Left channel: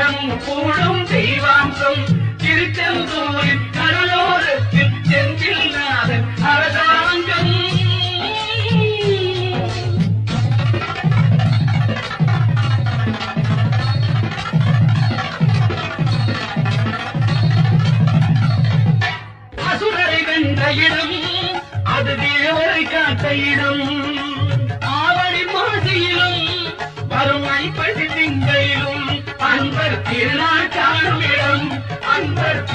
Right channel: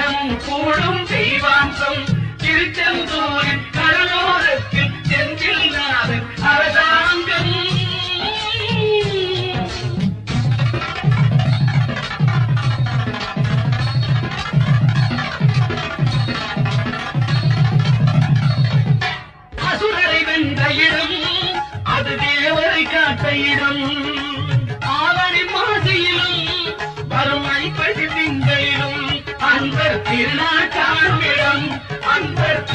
தினமும் கூடும் தெய்வாம்சம் திருச்செந்தூரின்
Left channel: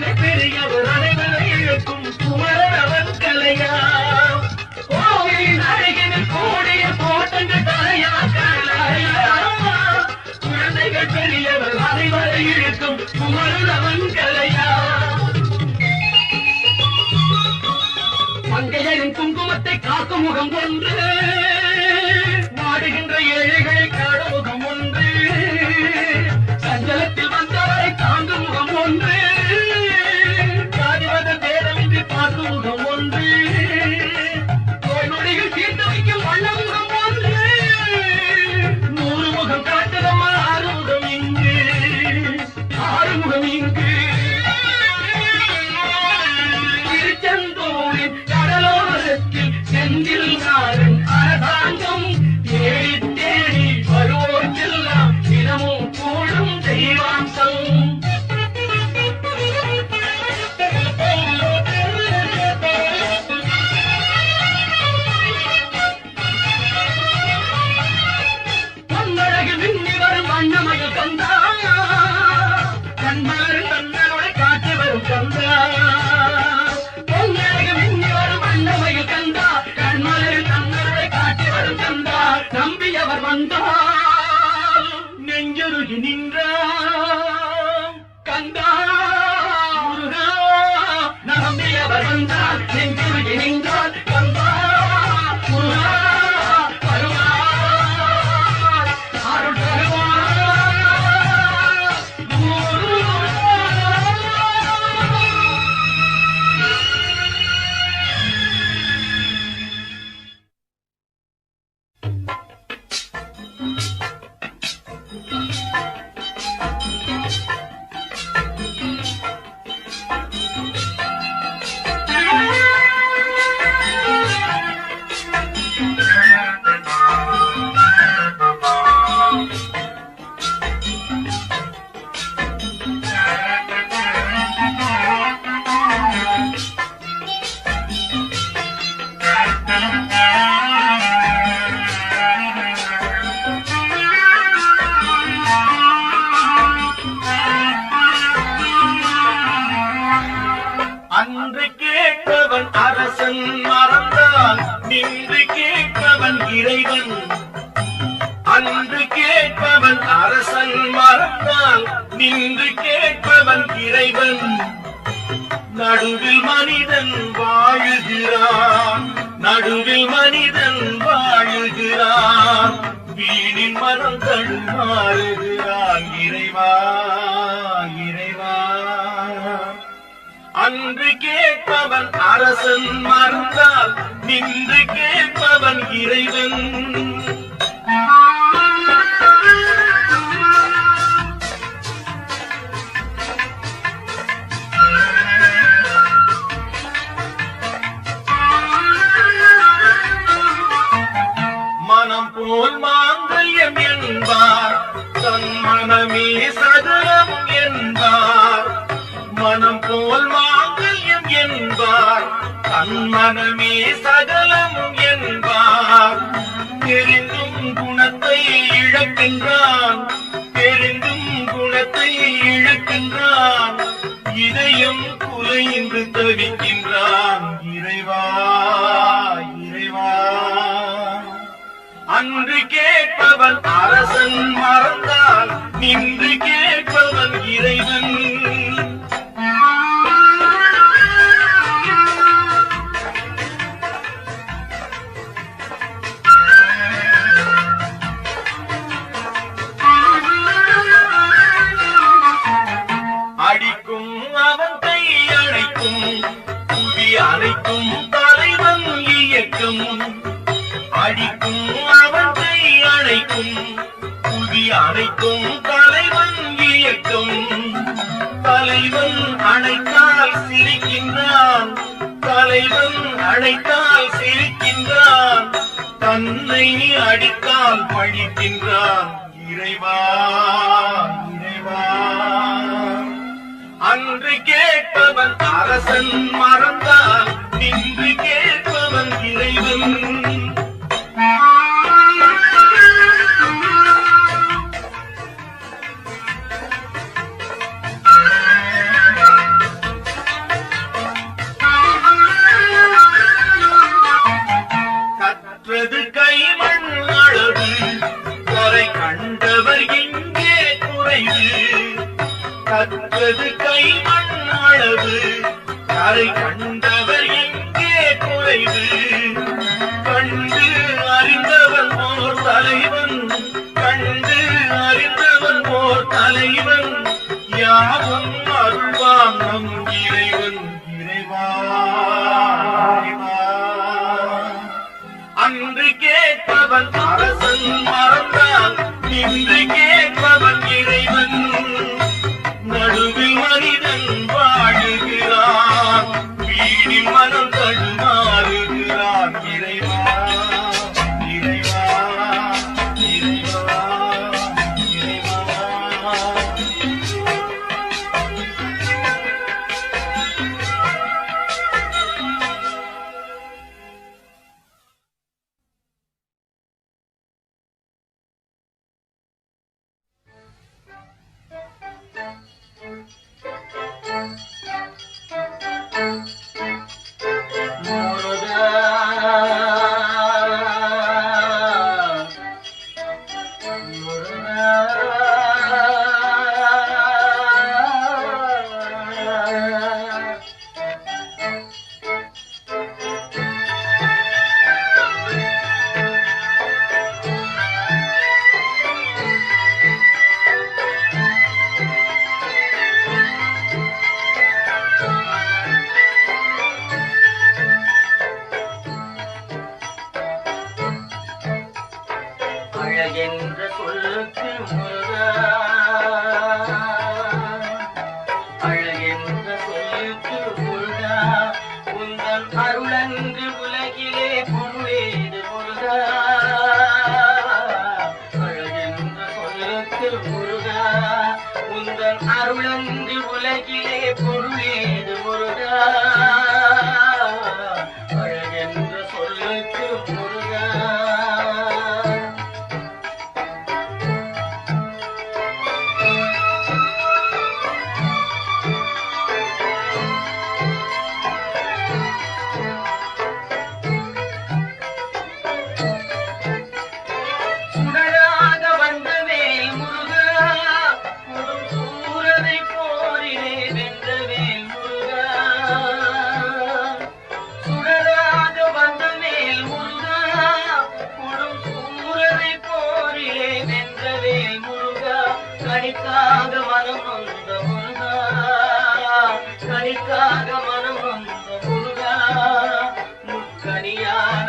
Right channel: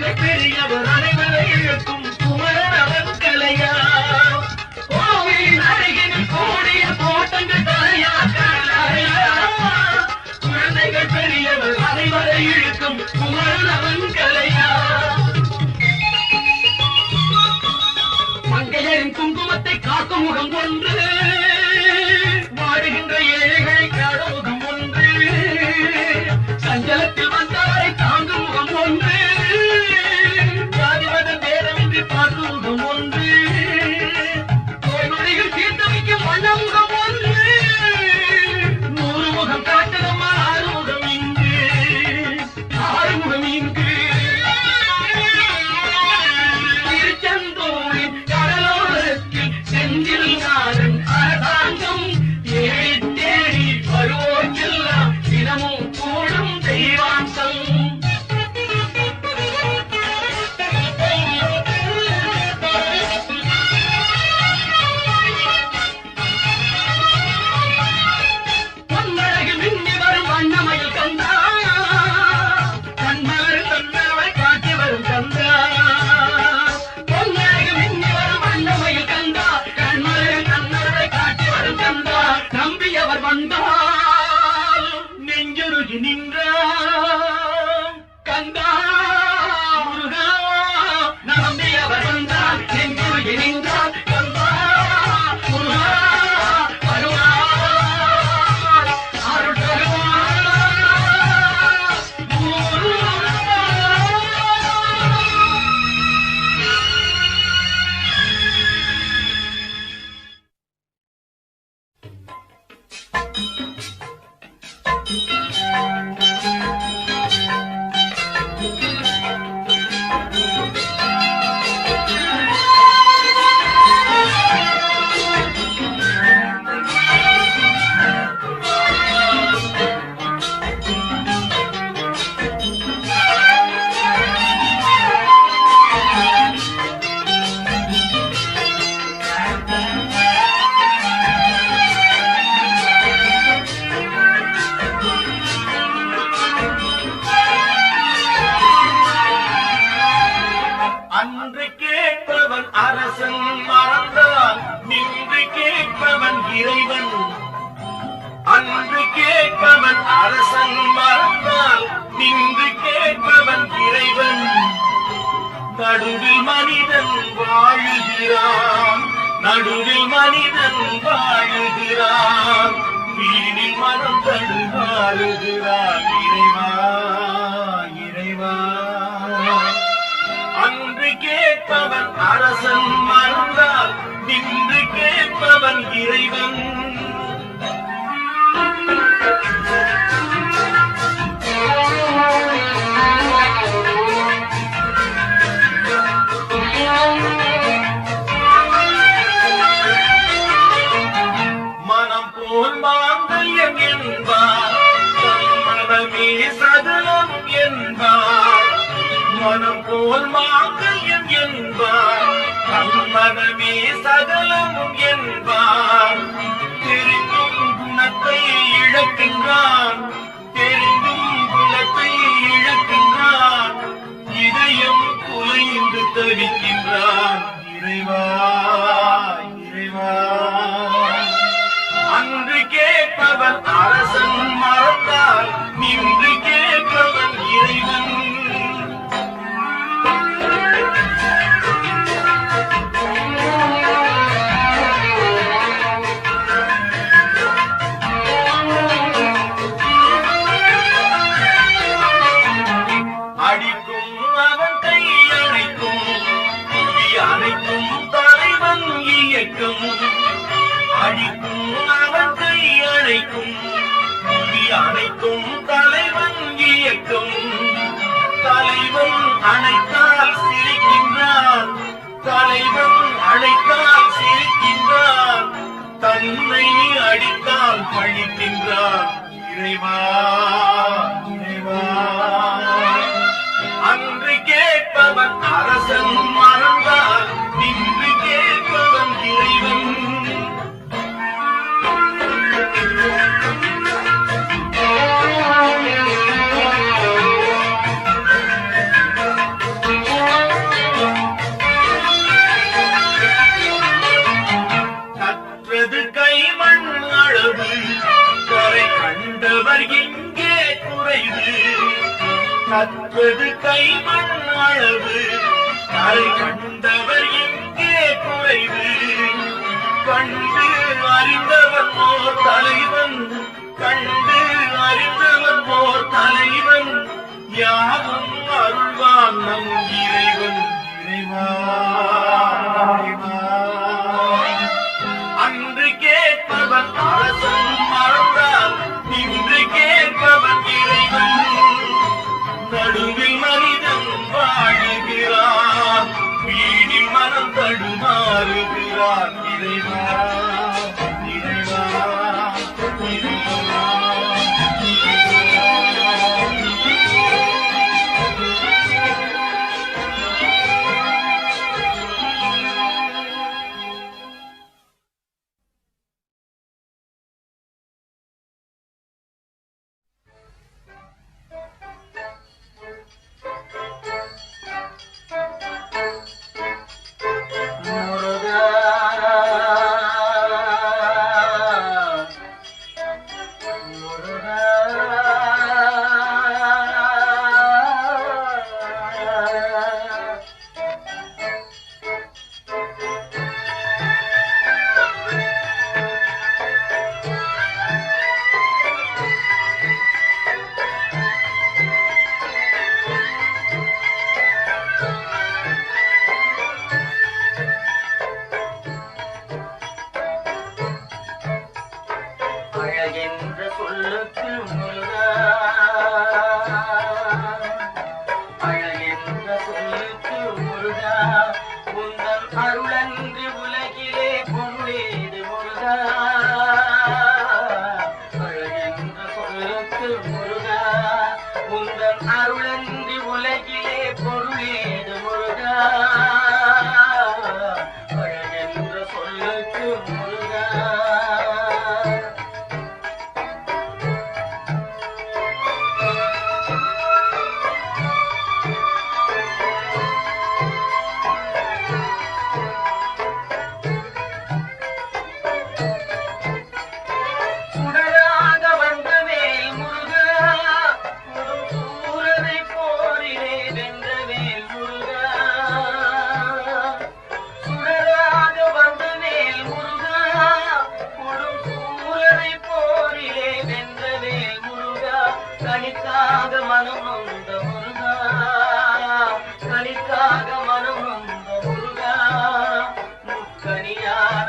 கவிதை பெரியவர் அனைவரை இழுக்கும் குமரன் அவன் கலையா கோவிலின் அருகினில் கூடிய போட்டங்கள் தலையா கலையா குழந்தைகள் பெரியவர் அனைவரை மங்கையரின் குங்குமத்தை காக்கும் முகம் ஒன்று. மனம் வாழுகிறான் வீணில் மனம் தடுமாறுகிறான் இறைவா இறைவா. அன்று கேட்பவன் அரசன் மறந்தால் நின்று கேட்பவன் இறைவன். மனமே சதலம் என்பார். மனம் போல் மாங்கல்யம் என்பார். தன் மனமே சதலம் என்பார். தெரிந்தும் குணத்தை இழக்கின்றான். தெரிந்தும் குணத்தை இழக்கின்றான். இதயம் குலைந்து தவிக்கின்றான். இறைவா இறைவா. அன்று கேட்பவன் அரசன் மறந்தால் நின்று கேட்பவன் தன்னை அடித்தால் பழிக்கின்றான். இறைவா இறைவா. அன்று கேட்பவன் அரசன் மறந்தால் நின்று கேட்பவன் இறைவன். குறைவு கற்றது கைமண் அளவு. கரை கண்டவர் எங்கே குறைவு? கண்டு அறிந்தவன் ஓர் தலைவன். கண்டு அறிந்தவன் ஓர் தலைவன். யாவும் அருள்வான் நம் இறைவன். இறைவா அன்று கேட்பவன் அரசன் மறந்தான் இன்று கே சொல்லுக்கு முருகா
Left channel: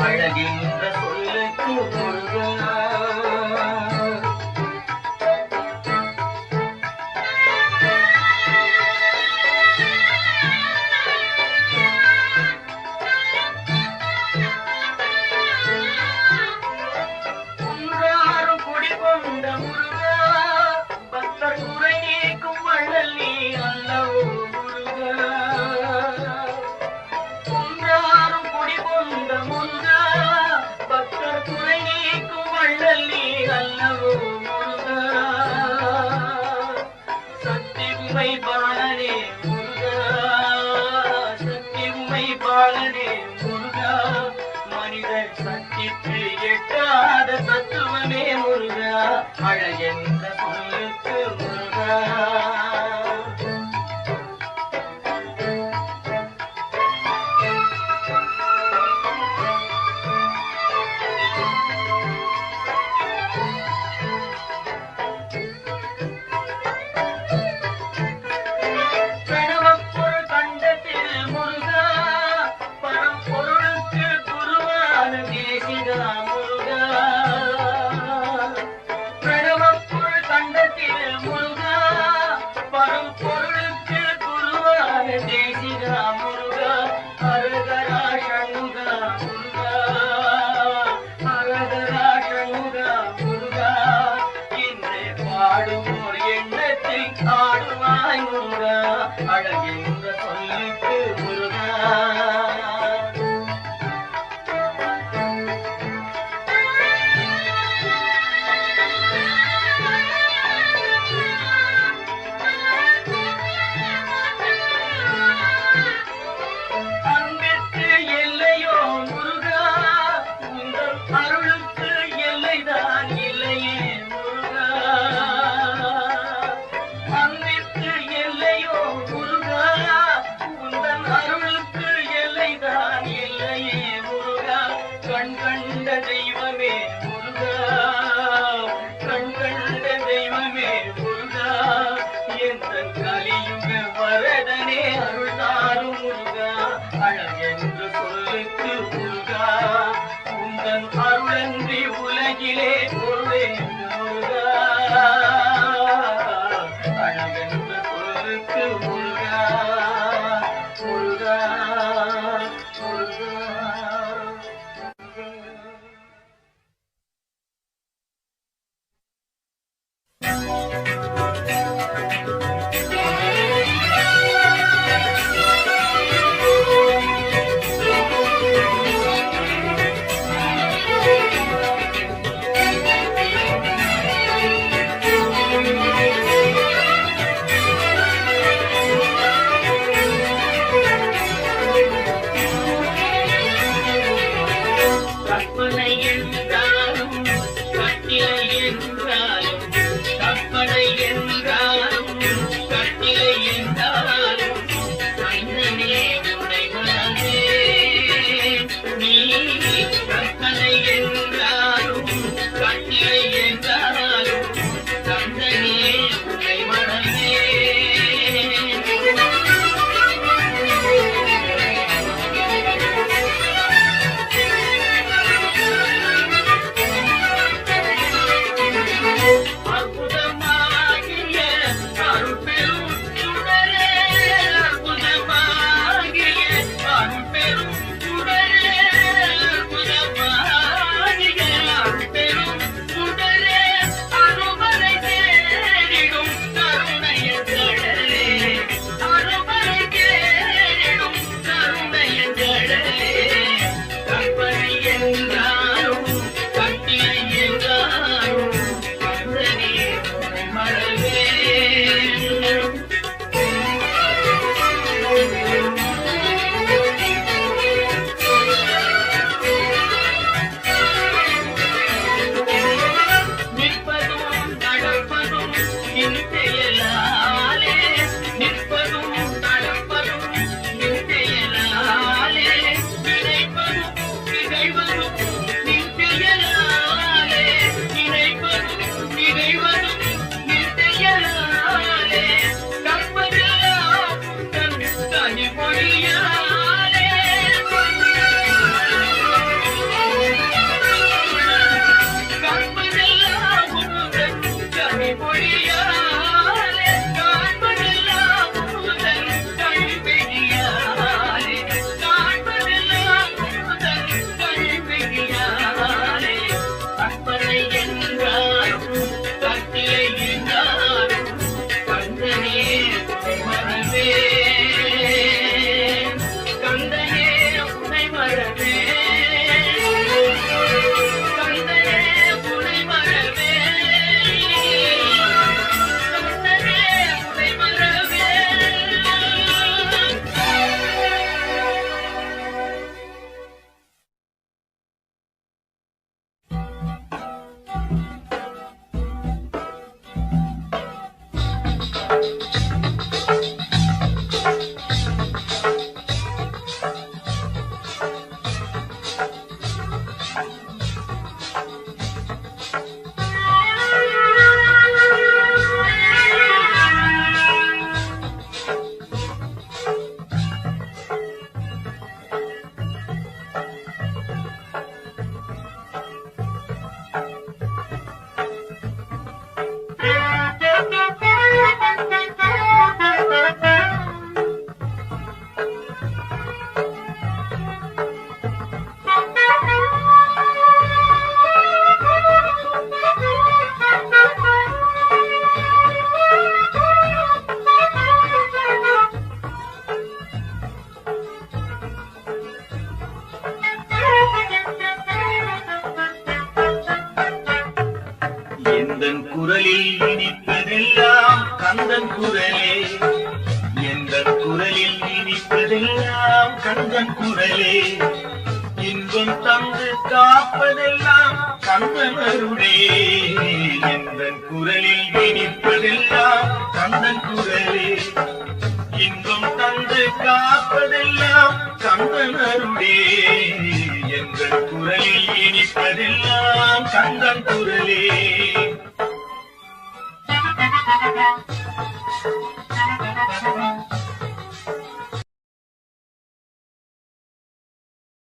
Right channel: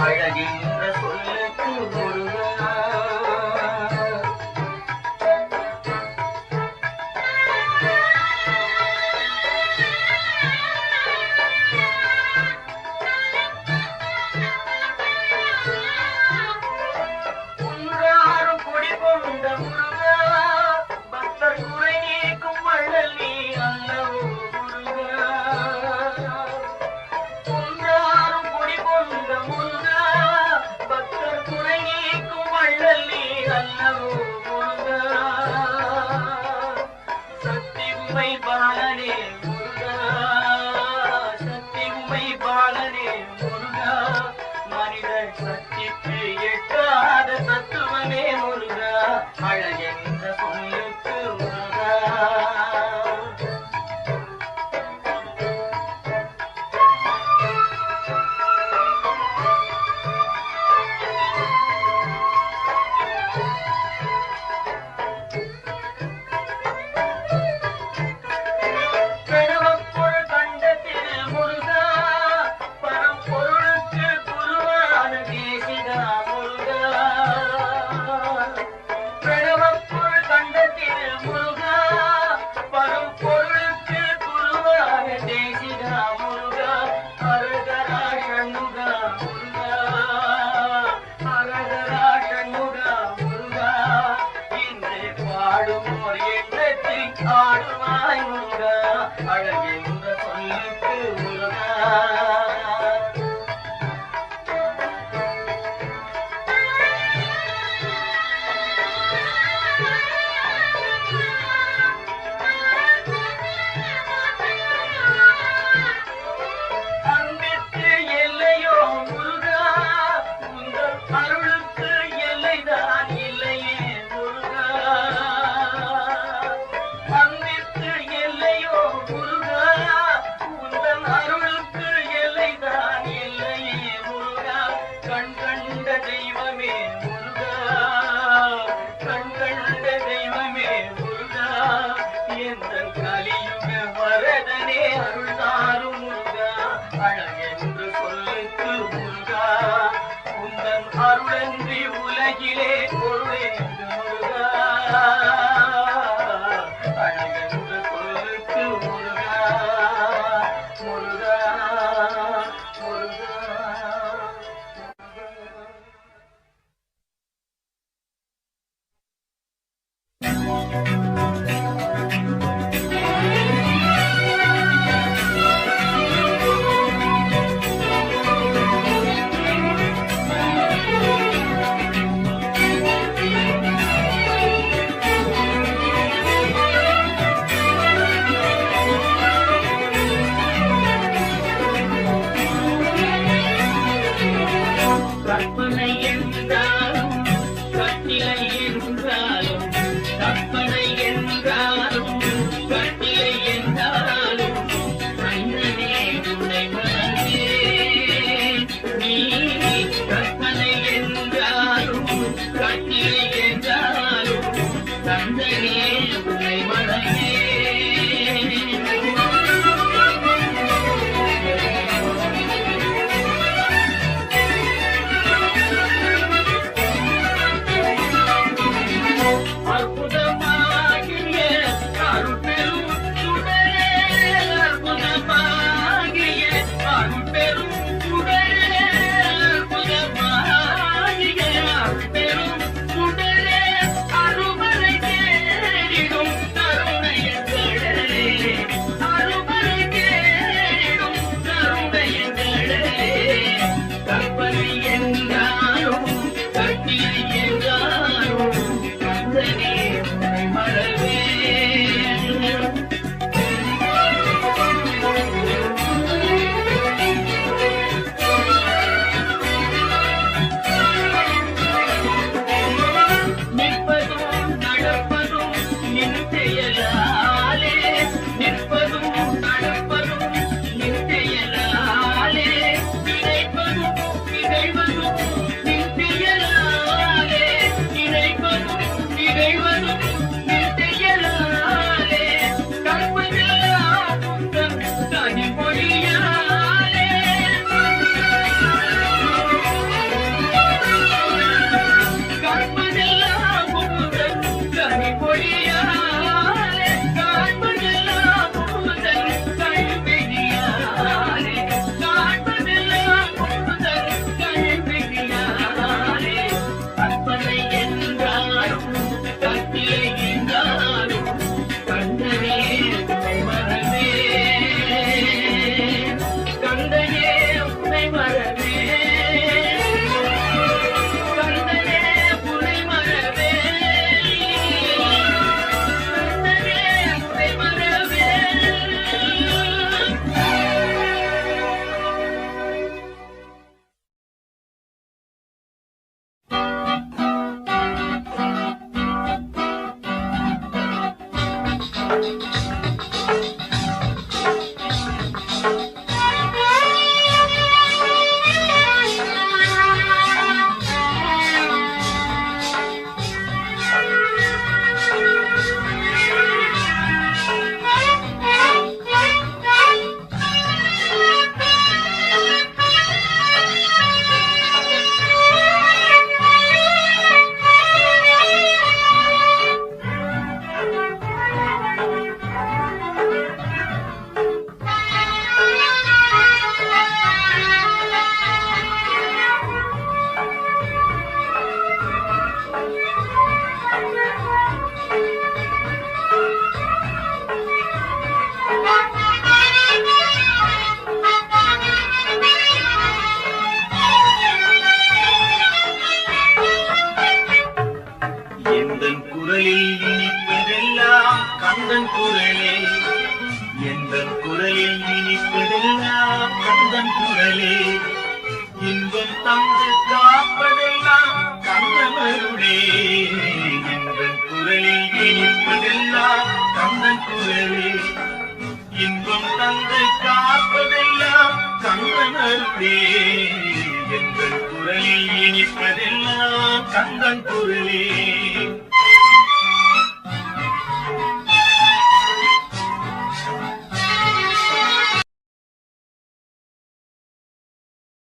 அழகின்ற நான் கண்ட தெய்வம் Bye. இனிப்பதெல்லாம் கந்தன் குரலே. இன்பம் தந்து காப்பதெல்லாம் கந்தன் எந்தன் குரலில் இனிப்பதெல்லாம் கந்தன் குரலே. இன்பம் தந்து காப்பதெல்லாம் கந்தனருடே எங்கள் குரலில் இனிப்பதெல்லாம் கந்தன் குரலே.